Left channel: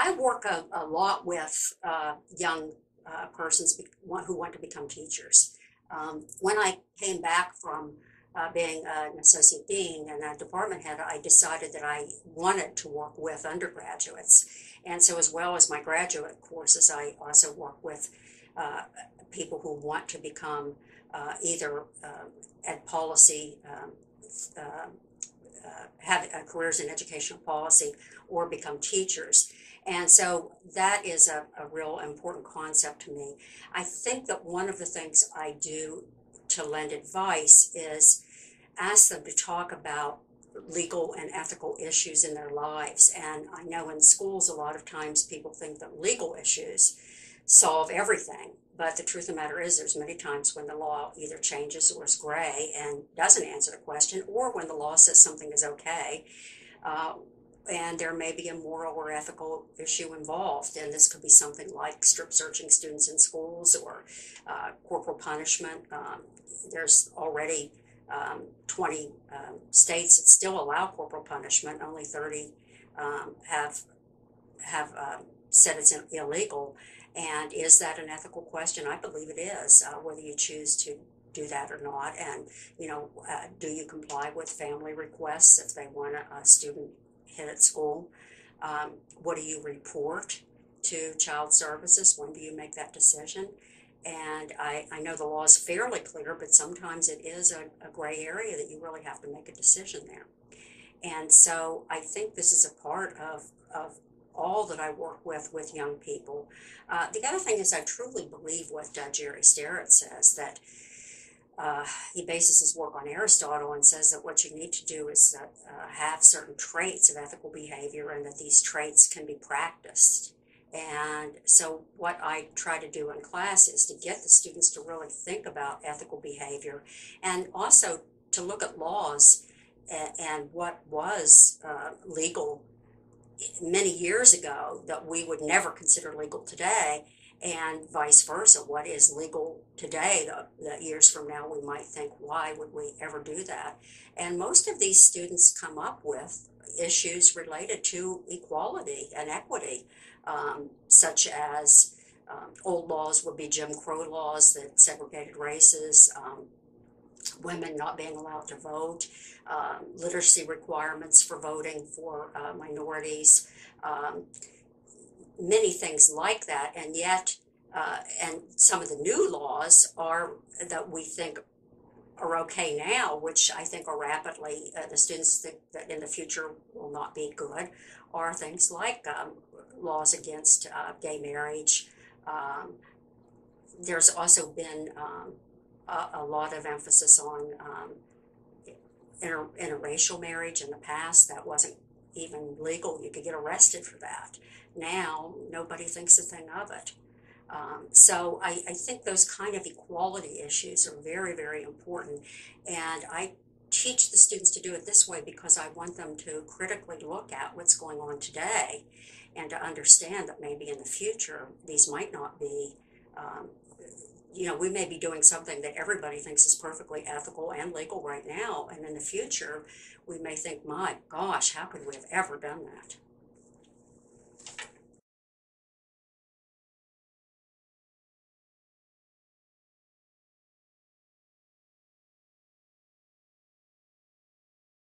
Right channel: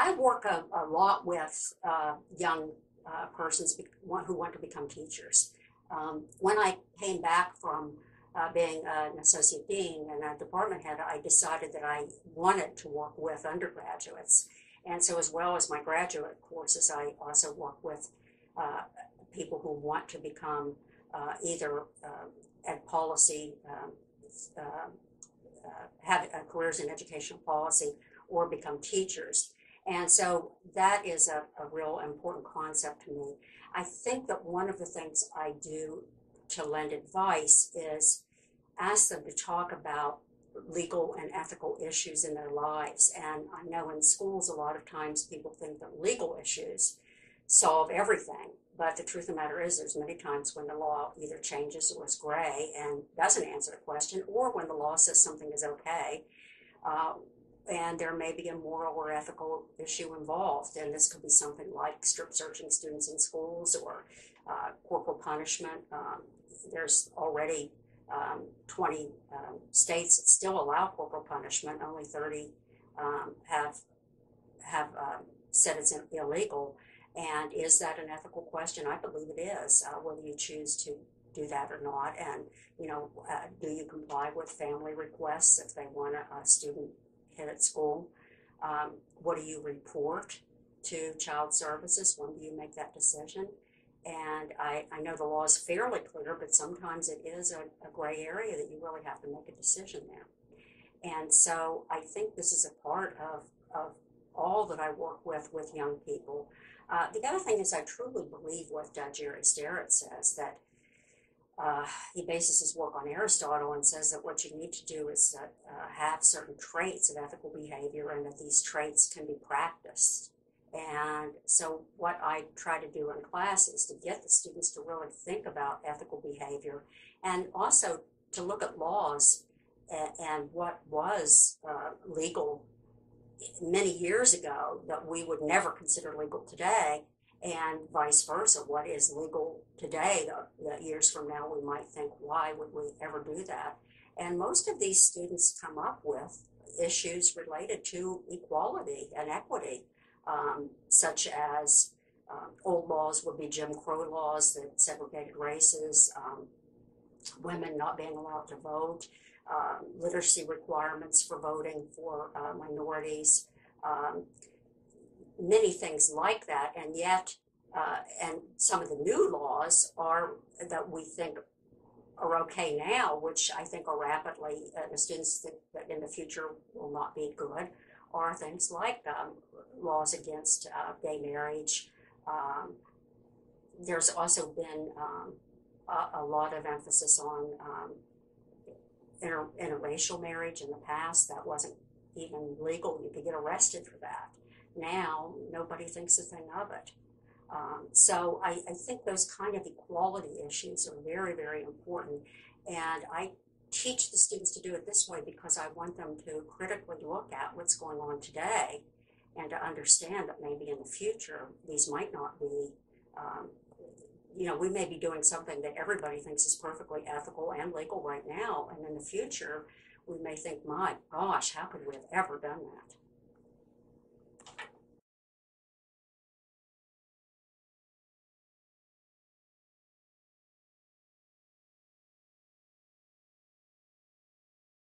I work a lot with young persons who want to become teachers. When I came back from being an associate dean and a department head, I decided that I wanted to work with undergraduates. And so, as well as my graduate courses, I also work with people who want to become either ed policy, have careers in educational policy, or become teachers. And so that is a real important concept to me. I think that one of the things I do to lend advice is ask them to talk about legal and ethical issues in their lives. And I know in schools, a lot of times people think that legal issues solve everything. But the truth of the matter is there's many times when the law either changes or is gray and doesn't answer the question, or when the law says something is okay, and there may be a moral or ethical issue involved. And this could be something like strip searching students in schools or corporal punishment. There's already 20 states that still allow corporal punishment. Only 30 have said it's illegal. And is that an ethical question? I believe it is, whether you choose to do that or not. And, do you comply with family requests if they want a student hit at school? What do you report to child services? When do you make that decision? And I know the law is fairly clear, but sometimes it is a gray area that you really have to make a decision there. And so I think this is a part of all that I work with young people. The other thing is I truly believe what Jerry Starrett says, that he bases his work on Aristotle and says that what you need to do is have certain traits of ethical behavior, and that these traits can be practiced. And so what I try to do in class is to get the students to really think about ethical behavior, and also to look at laws and what was legal many years ago that we would never consider legal today, and vice versa. What is legal today that years from now we might think, why would we ever do that? And most of these students come up with issues related to equality and equity, such as old laws would be Jim Crow laws that segregated races, women not being allowed to vote, literacy requirements for voting for minorities, many things like that. And yet, and some of the new laws are that we think are okay now, which I think are rapidly, the students think that in the future will not be good, are things like laws against gay marriage. There's also been a lot of emphasis on interracial marriage in the past. That wasn't even legal. You could get arrested for that. Now, nobody thinks a thing of it. So I think those kind of equality issues are very, very important. And I teach the students to do it this way because I want them to critically look at what's going on today and to understand that maybe in the future these might not be, we may be doing something that everybody thinks is perfectly ethical and legal right now, and in the future we may think, my gosh, how could we have ever done that?